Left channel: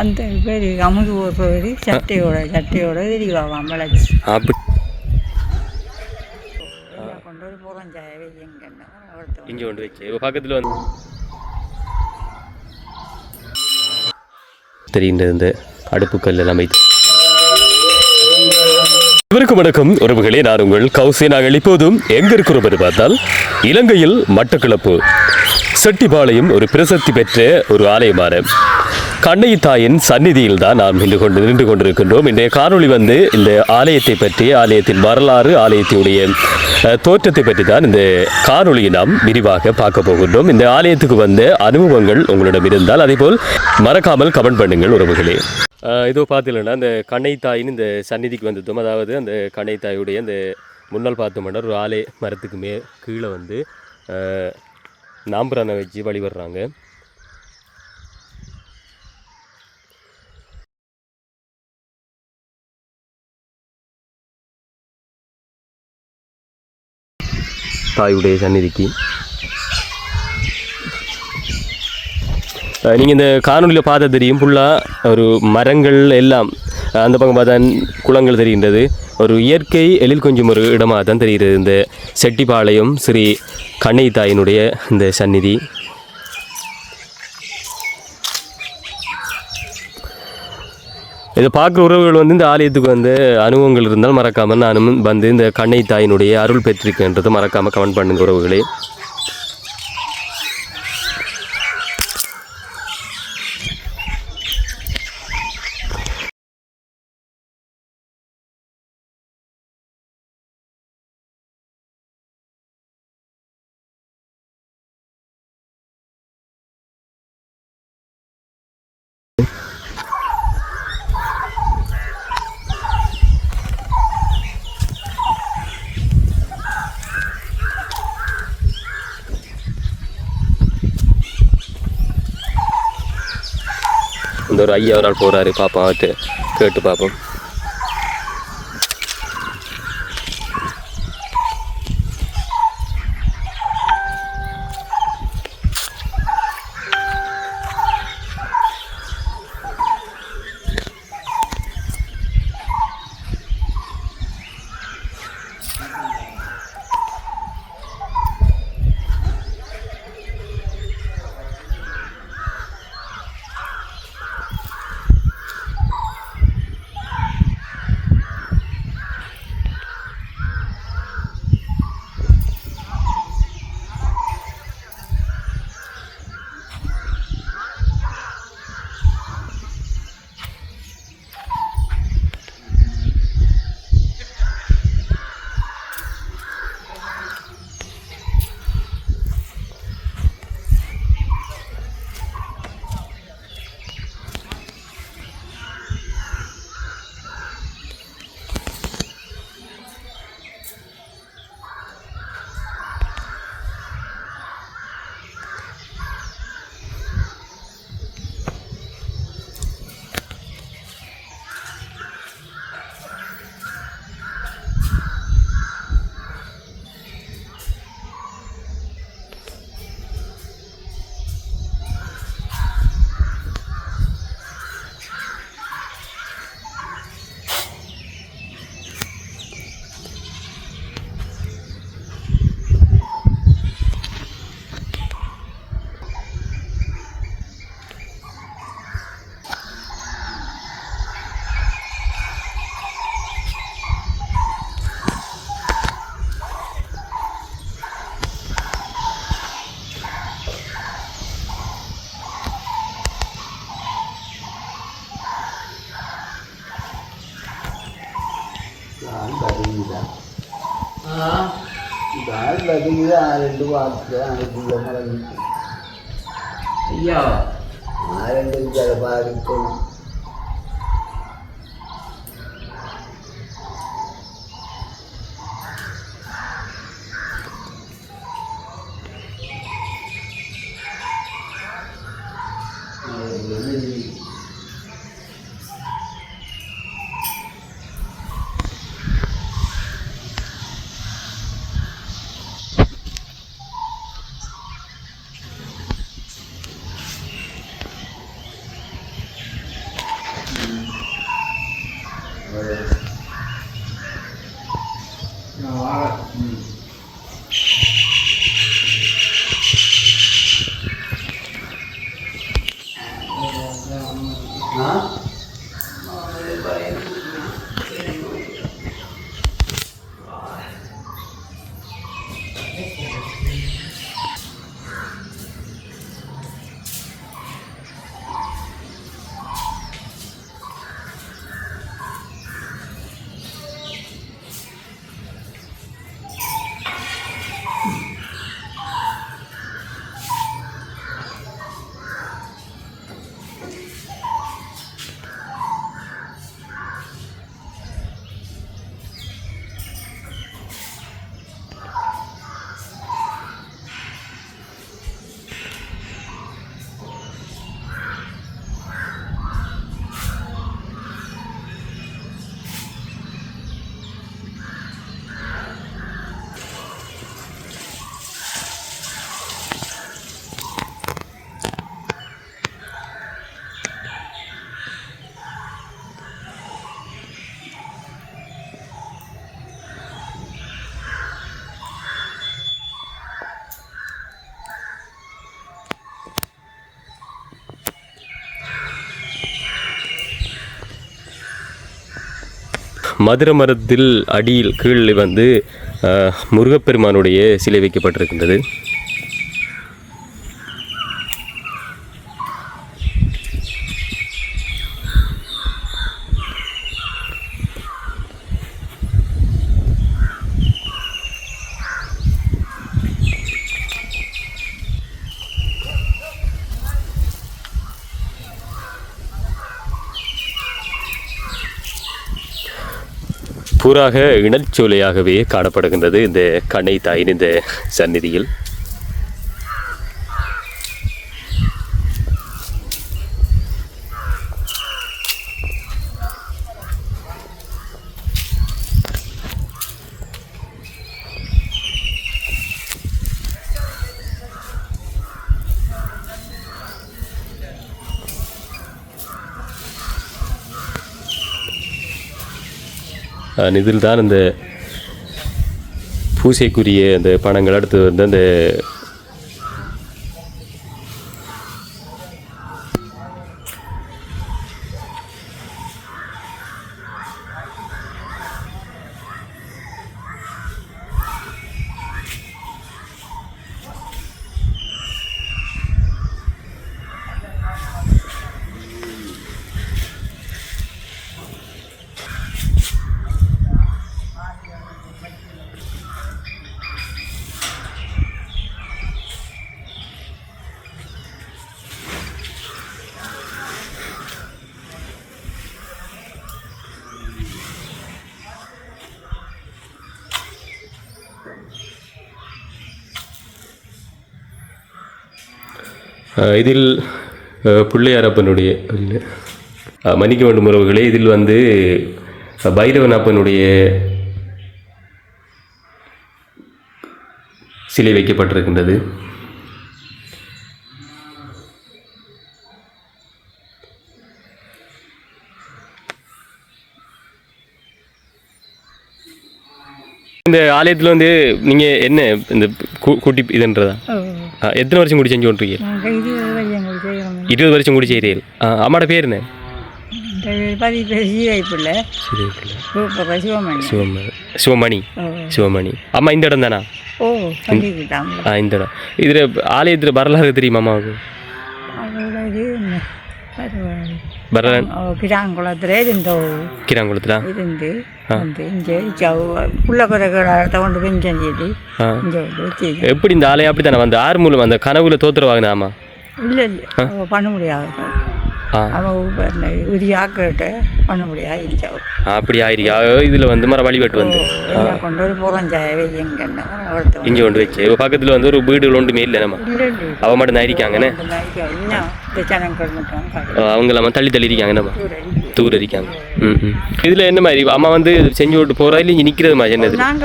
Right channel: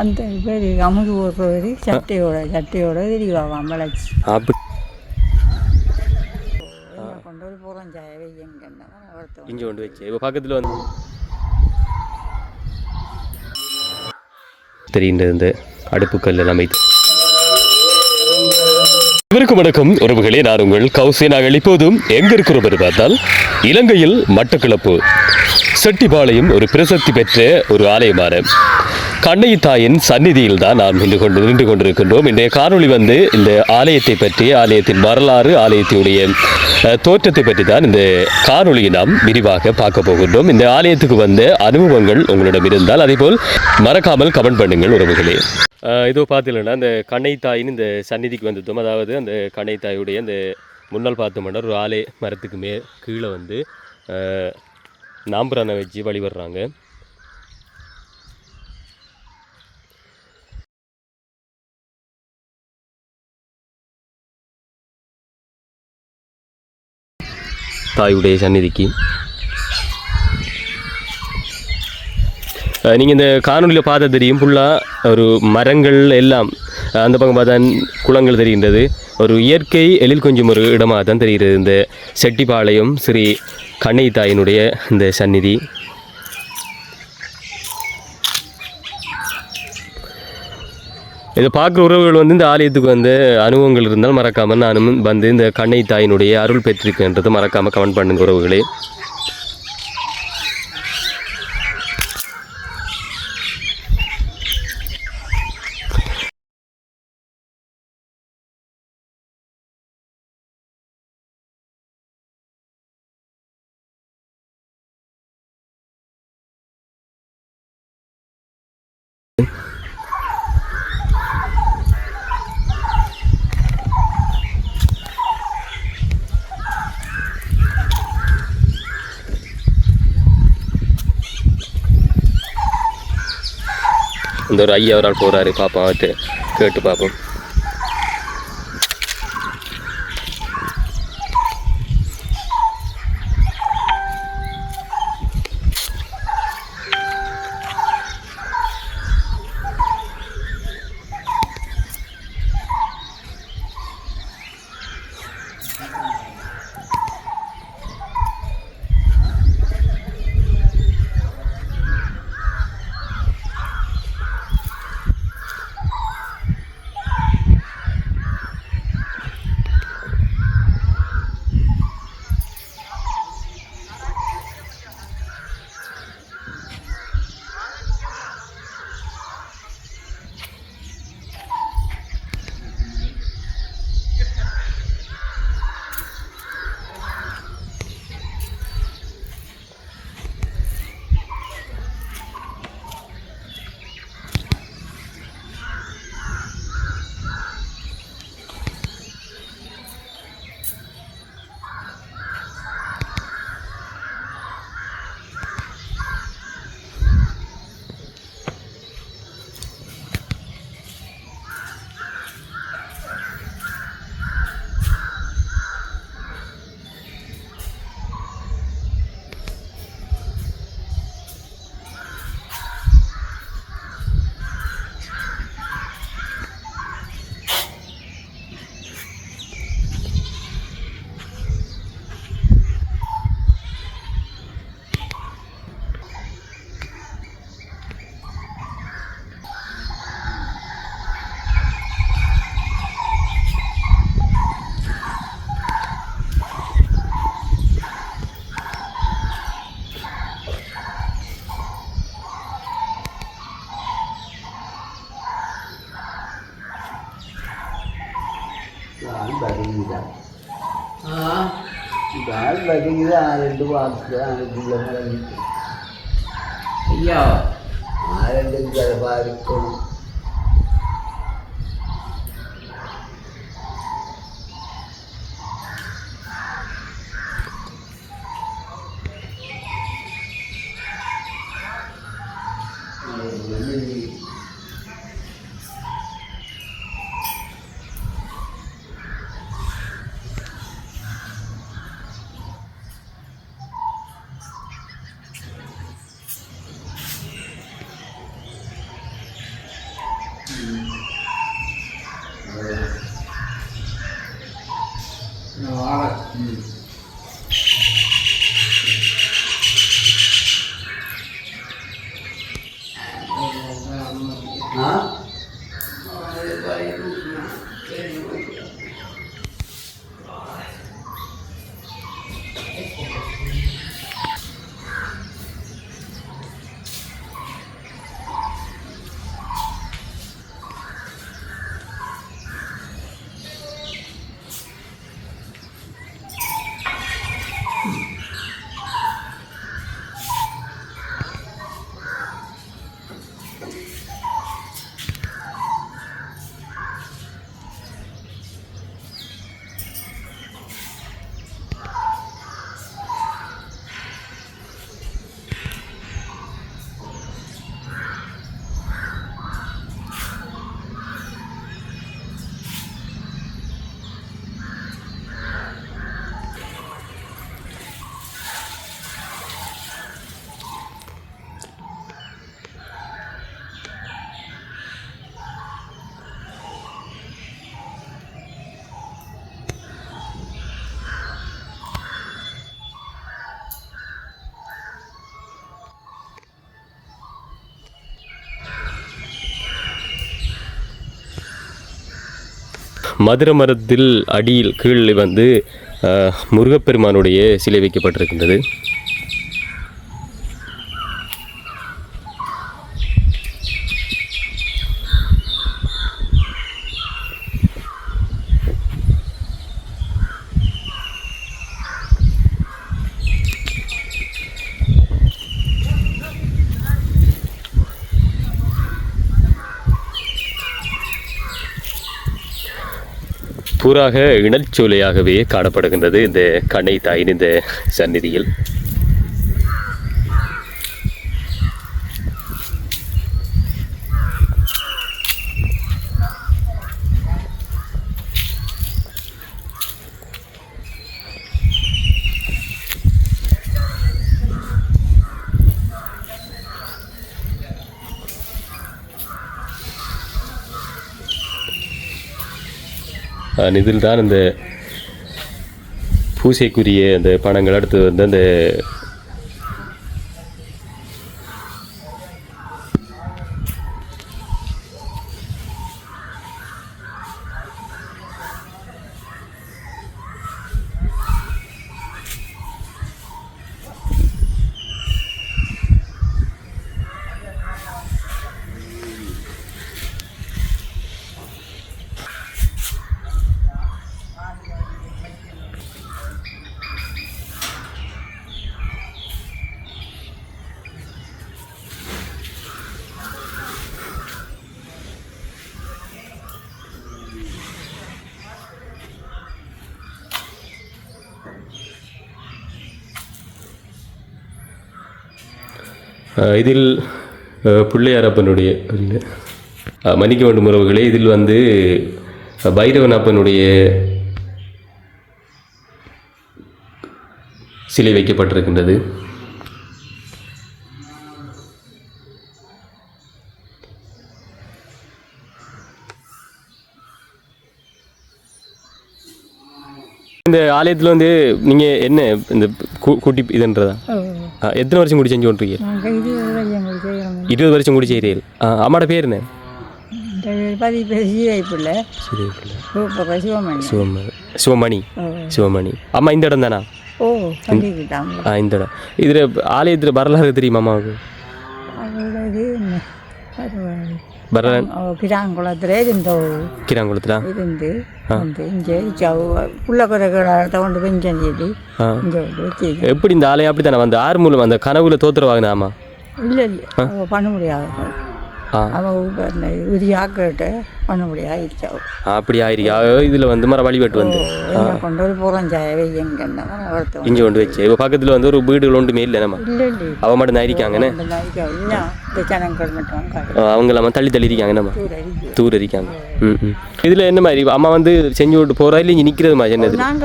அந்த பேர் அமுது ஒரு சட்டையோட தெரிவாவாம் வளர்ச்சி அப்படி கொண்டு போய் போகிறோம் ஜாயவே இங்கே கொண்டு வச்சு இப்போ பக்கத்தில் வந்து தெரிகின்ற இந்த அடுப்புக்கல் எல்லாம் இவருக்கு வணக்கம் உறவுகளே, நான் உங்கள் கௌசி. நாங்கள் இப்போதும் எங்க இருக்கிறோம் என்று பார்த்தால் இலங்கையில் மட்டக்களப்பு செட்டிபாளையம் ஒரு பிரசித்தி பெற்ற ஒரு ஆலயமான கண்ணகி தாயின் சந்நிதியில் தான் நாம் நின்று கொண்டிருக்கின்றோம். இன்றைய காணொளி வந்து இந்த ஆலயத்தை பற்றி, ஆலயத்தின் வரலாறு, ஆலயத்தினுடைய தோற்றத்தை பற்றி தான் இந்த காணொளியை நாம் விரிவாக பார்க்க போகின்றோம். இந்த ஆலயத்துக்கு வந்த அனுபவங்கள் உங்களிடம் இருந்தால் அதேபோல் மறக்காமல் கமெண்ட் பண்ணுங்கள் உறவுகளே. இதோ பார்த்தீங்கன்னா இந்த கண்ணகி தாயின் இந்த சந்நிதிக்கு வந்துட்டோம். அதாவது அந்த கண்ணகி தாயுடைய அந்த முன்னால் பார்த்தோம்னா ஒரு ஆலய மரத்துக்கு கீழே வந்து நாம்பரானை வச்சு வழிபடுறாங்க. தாயுடைய சந்நிதிக்கு நீங்கள் இந்த காணொலியில் பார்த்த தெரியும், ஃபுல்லாக ஒரு மரங்கள் எல்லாம் அந்த பக்கம் பார்த்தா குளங்கள் தெரிகின்றது. ஒரு இயற்கை எழில் கொஞ்சம் ஒரு இடமாக தான் தெரிகிறது இந்த செட்டிபாளையம் ஸ்ரீ கண்ணகி தாயினுடைய இந்த சந்நிதி. இதை பார்க்குற உறவுகள் வந்து இந்த ஆலயத்துக்கு வந்து அனுபவங்கள் இருந்தால் மறக்காமல் நானும் வந்து இந்த கண்ணகி தாயினுடைய அருள் பெற்றிருக்கின்றதை மறக்காமல் கமெண்ட் பண்ணுங்க உறவுகளே. இந்த ஒரு ஐயா ஒரு ஆள் போகிறாரு, பார்ப்போம், அவர்கிட்ட கேட்டு பார்ப்போம். ரெண்டு பார்த்து அதுக்குள்ள மறைஞ்சிட்டு ஐயா ரெண்டு அதை பாதிக்கணும். மதுரை மரத்தில் அடியில் கீழே வந்து முருகப்பெருமானுடைய சிலை வைக்கப்பட்டிருக்கின்றது. பூராக இனச்சோலையாகவே காணப்படுகின்றது இந்த கண்ணை தாயின் இந்த சந்நிதியில். இதில் தான் அந்த பூசைக்குரிய அந்த பணங்கள் அடுத்து வந்து அந்த இதில் பிள்ளையாரப்பனுடைய மன்னிக்க வேண்டும் உறவுகளே, இதில் வந்து பைரவனப்பனுடைய சிலை வைக்கப்பட்டிருக்கின்றது. இந்த ஆலயத்தில் வந்து நீங்கள் என்ன இந்த கூட்டி இதுன்றதா எத்தனை வருஷம் கூடி செஞ்சு கொண்டிருக்கீங்க? 20 வருஷம் கூடி செய்கிறீர்கள். அம்மாவோட பேர் என்ன? சிவமணி. சிவமணி. அம்மா இந்த இடம் தானா? இந்த இடம். இதில் ஆலயத்தில் வரலாறு தெரியுமா அம்மாவுக்கு? கிராங்குளத்துல இருந்து எப்படி இந்த ஆலயம் அப்படி தானே வந்து ஆறு மூலம் அந்த கனவுல தோத்துருவாங்க. ஆமா இல்லை இல்லை பண்ண முடியாது. பண்ண முடியாது. அப்படி ஆயிருக்கா? இதுல வந்து மர வழிபட்டு வந்து கொண்டு ஒரு புறஞ்சாயவே இங்க கொண்டு வச்சு இப்போ பக்கத்துல வந்து ஒரு வீடுகள் ஒன்றுமே இல்லை. நம்ம அவ மட்டும் தான் இருக்காங்கன்னு அவங்க எல்லாம் தள்ளி தள்ளி இருக்காங்க. நம்ம தூர இருக்காங்க. இதுல என்ன மாதிரி அம்மா வந்து செஞ்சு விட்டு போறா இல்லை இங்க நிக்கிறது மாதிரி என்னது? நாங்க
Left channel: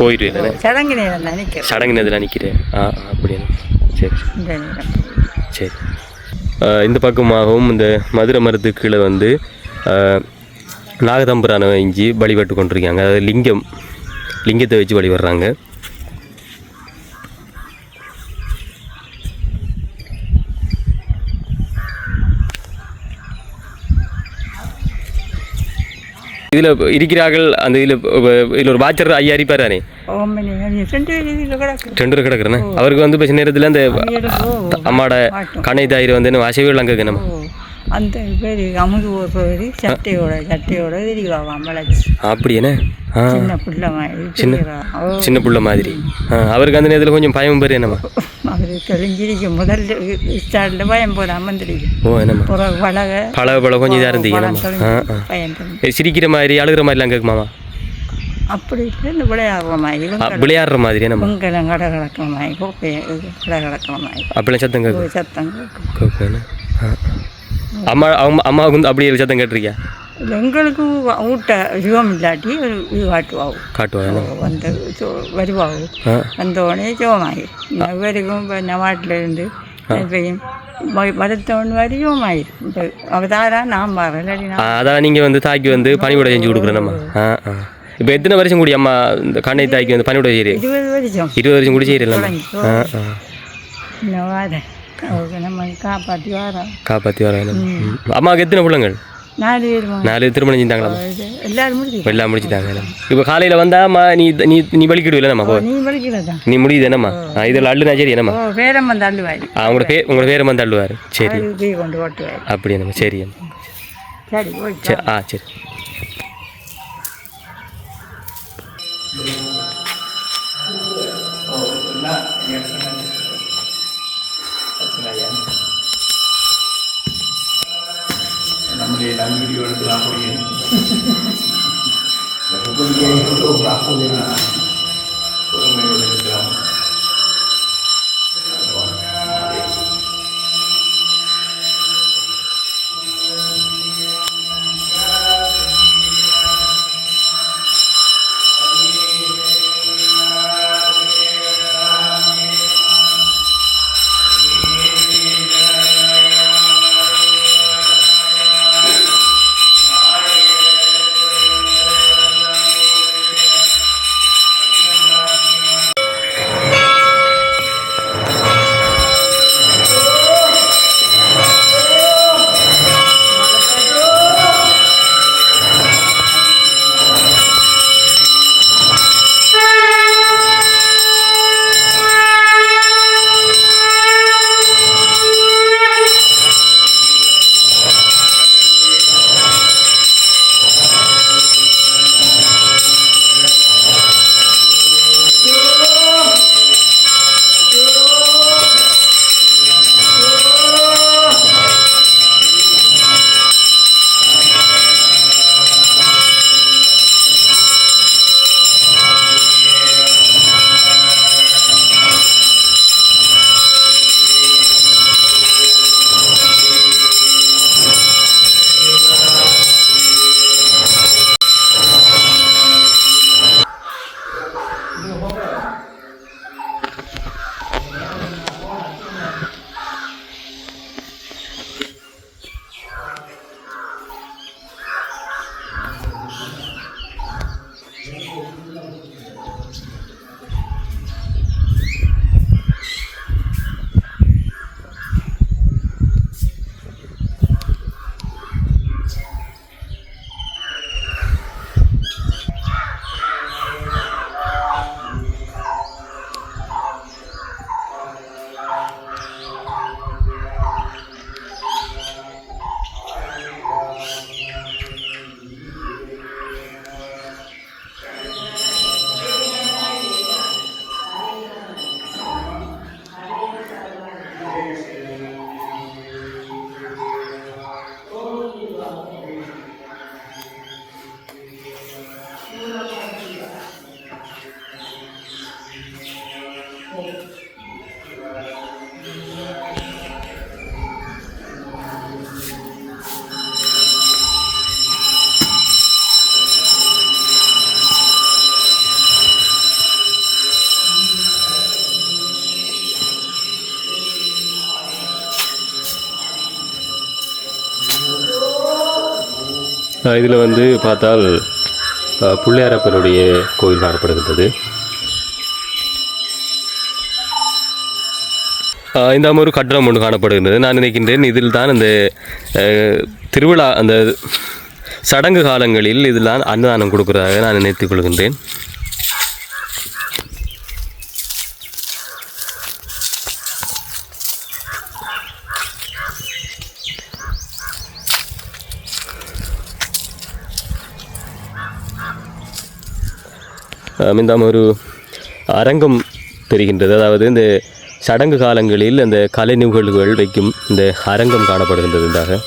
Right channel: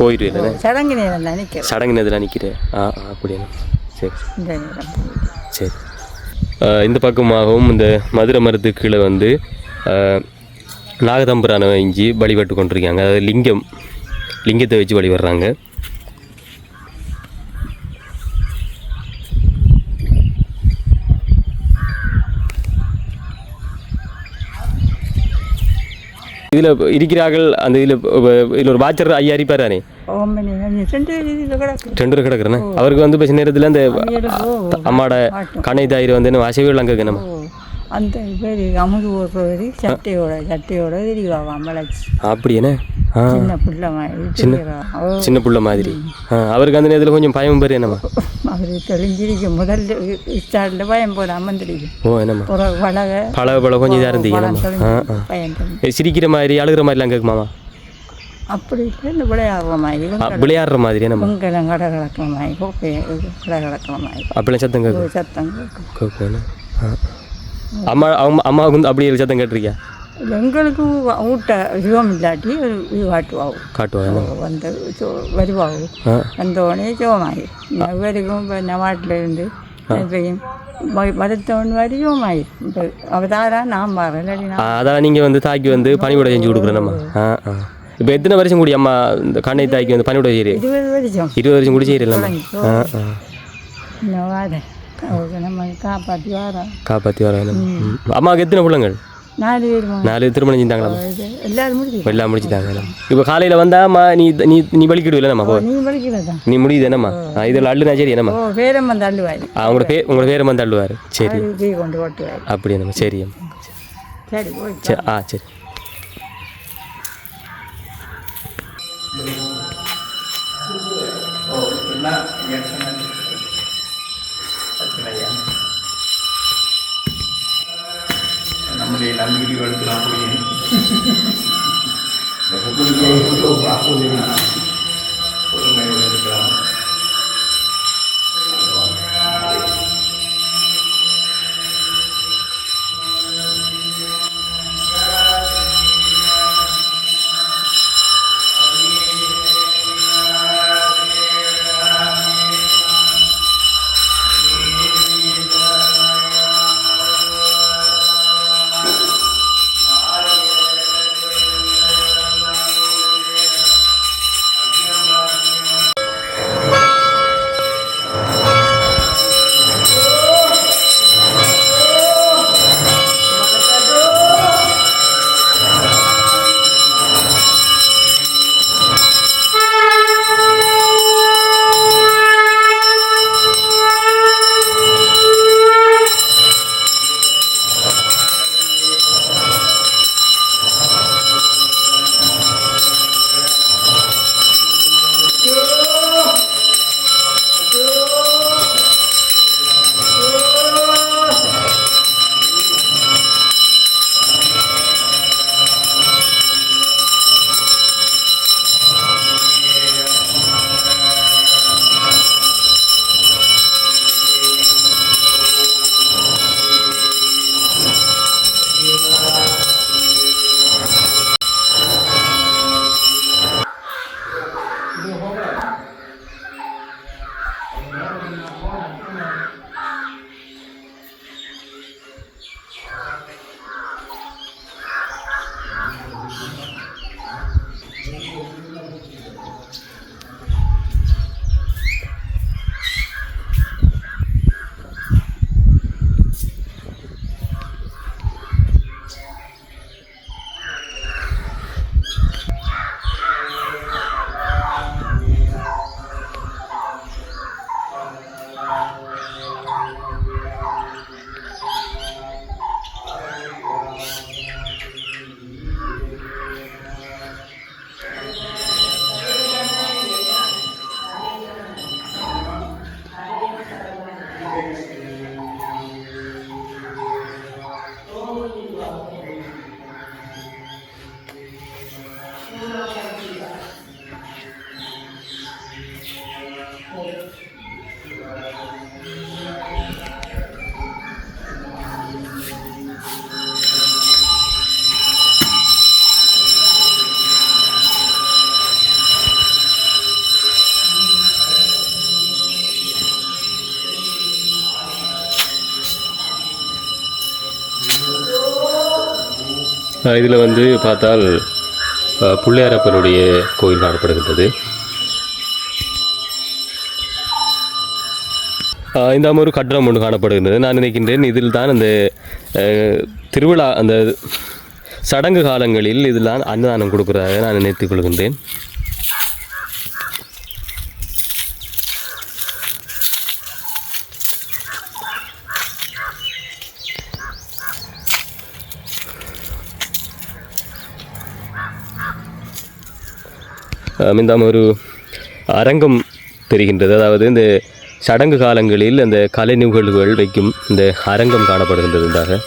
போயிடுவேன். சடங்கு நேரத்தில் நிக்கிறேன். அப்படியா? சரி சரி. இந்த பக்கமாகவும் இந்த மதுரை மரத்துக்கு கீழே வந்து நாகதம்புரானை இஞ்சி வழிபட்டு கொண்டிருக்காங்க. அதாவது லிங்கத்தை வச்சு வழிபடுறாங்க. இதில் இருக்கிறார்கள். அந்த இதில் ஒரு வாச்சர் ஐயா இருப்பாரானே, 2 கிடக்குறேண்ணே. அவருக்கு வந்து இப்போ நேரத்தில் அந்த அம்மாட கணை தாயிரம் வந்து வாசவிகள் அங்கே நம்ம அந்த பேர் அமுது பேர் சட்டையோட தெரிவாவாம் வளர்ச்சி. அப்படியேண்ணே. சின்ன பிள்ளை மாதிரி சின்ன பிள்ளை மாதிரி. அவருக்கு அந்த நேரத்தில் கொஞ்சம் பயம் பேர் என்னம்மா? அவர் தெரிஞ்சிருக்கும் முதல் ஸ்டார்டில் பயம் போட அமர்ந்துருக்கும். ஓ என்னம்மா பழக கொஞ்சம் இதாக இருந்தீங்க. பயம் சிரிக்கிற மாதிரி அழுகிற மாதிரிலாம் கேட்குமாமா? அப்படி இல்லை, இந்த விளையாடுற மாதிரி நம்ம உங்கெல்லாம் கடை கிடக்கிற மாதிரி கடை கிடக்கிற மாதிரி அப்படிலாம் சத்தம் கேட்கும். சத்தம் கேட்கும். அம்மாவுக்கு வந்து அப்படியே சத்தம் கேட்டிருக்கியா? எங்களுக்கு ஊட்ட சிவம் இல்லாட்டி இது காட்டுவாங்க வந்து வருவாங்க. வந்தோடனே சிவமாகி இவருக்கும் இப்போ நவாட்டில் இருந்து இப்பையும் மதத்தவன் மாதிரி சிவமாயிரும். இப்போ அவதாரா நான் மாறேன் இல்லாட்டி அதான் நீங்கள் வந்து தாக்கி வந்து பனிவிட செஞ்சு கொடுக்குறேன் நம்ம. இப்போ எத்தனை வருஷம் கூடி அம்மா இந்த கண்ணை தாக்கி வந்து பனிவிட செய்யறீ? 20 வருஷம் கூடி செய்யறீங்களா? இன்னும் வாரேன் நம்ம காப்பாற்றி வரோம். அம்மாவுக்கு எத்தனை பிள்ளைங்கள்? 4 பேர். 4 திருமணம் செஞ்சாங்களா? எல்லாம் முடிச்சுட்டாங்க. இப்போ காலையில் வந்தாம்மா நீ வலிக்கிடுவில்ல நம்ம? நீ முடியுது என்னம்மா? இதில் அள்ளுனா சரி என்னம்மா? பேரம் வந்து அள்ளுவார். உங்களோட பேரம் வந்து அள்ளுவார். சரி கொண்டு ஓட்டுவார். அப்படி என்னம்மா? சரி சரி சரி. நம்முடைய நம்பிக்கைகளுக்கு நான் பொறுமையோடு இருக்கலாம். இதில் வந்து பார்த்தால் பிள்ளையாரப்பனுடைய கோயில் காணப்படுகின்றது. இந்த ஒரு கட்டடம் ஒன்று காணப்படுகின்றது. நான் நினைக்கின்றேன் இதில் தான் அந்த திருவிழா அந்த சடங்கு காலங்களில் இதில் தான் அன்னதானம் கொடுக்குறதாக நான் நினைத்துக் கொள்கின்றேன். இந்த ஒரு அரங்கம் தெரிகின்றது. அதாவது இந்த சடங்கு காலங்களில் அந்த கலை நிகழ்வுகள் வைக்கும் இந்த அரங்கம் காணப்படுகின்றது. இதாக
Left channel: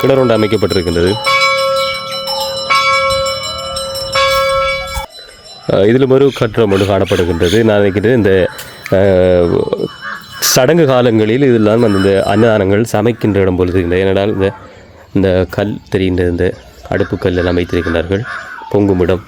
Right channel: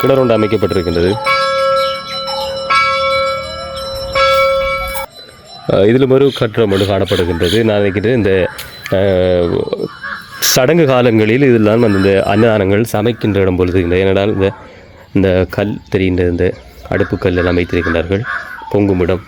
கிணறு அமைக்கப்பட்டிருக்கின்றது. இதில் ஒரு கட்டடம் ஒன்று காணப்படுகின்றது. நான் நினைக்கிறேன் இந்த சடங்கு காலங்களில் இதெல்லாம் இந்த அன்னதானங்கள் சமைக்கின்ற இடம் பொழுது ஏனென்றால் இந்த கல் தெரிகின்ற இந்த அடுப்பு கல் எல்லாம் வைத்திருக்கின்றார்கள், பொங்கும் இடம்.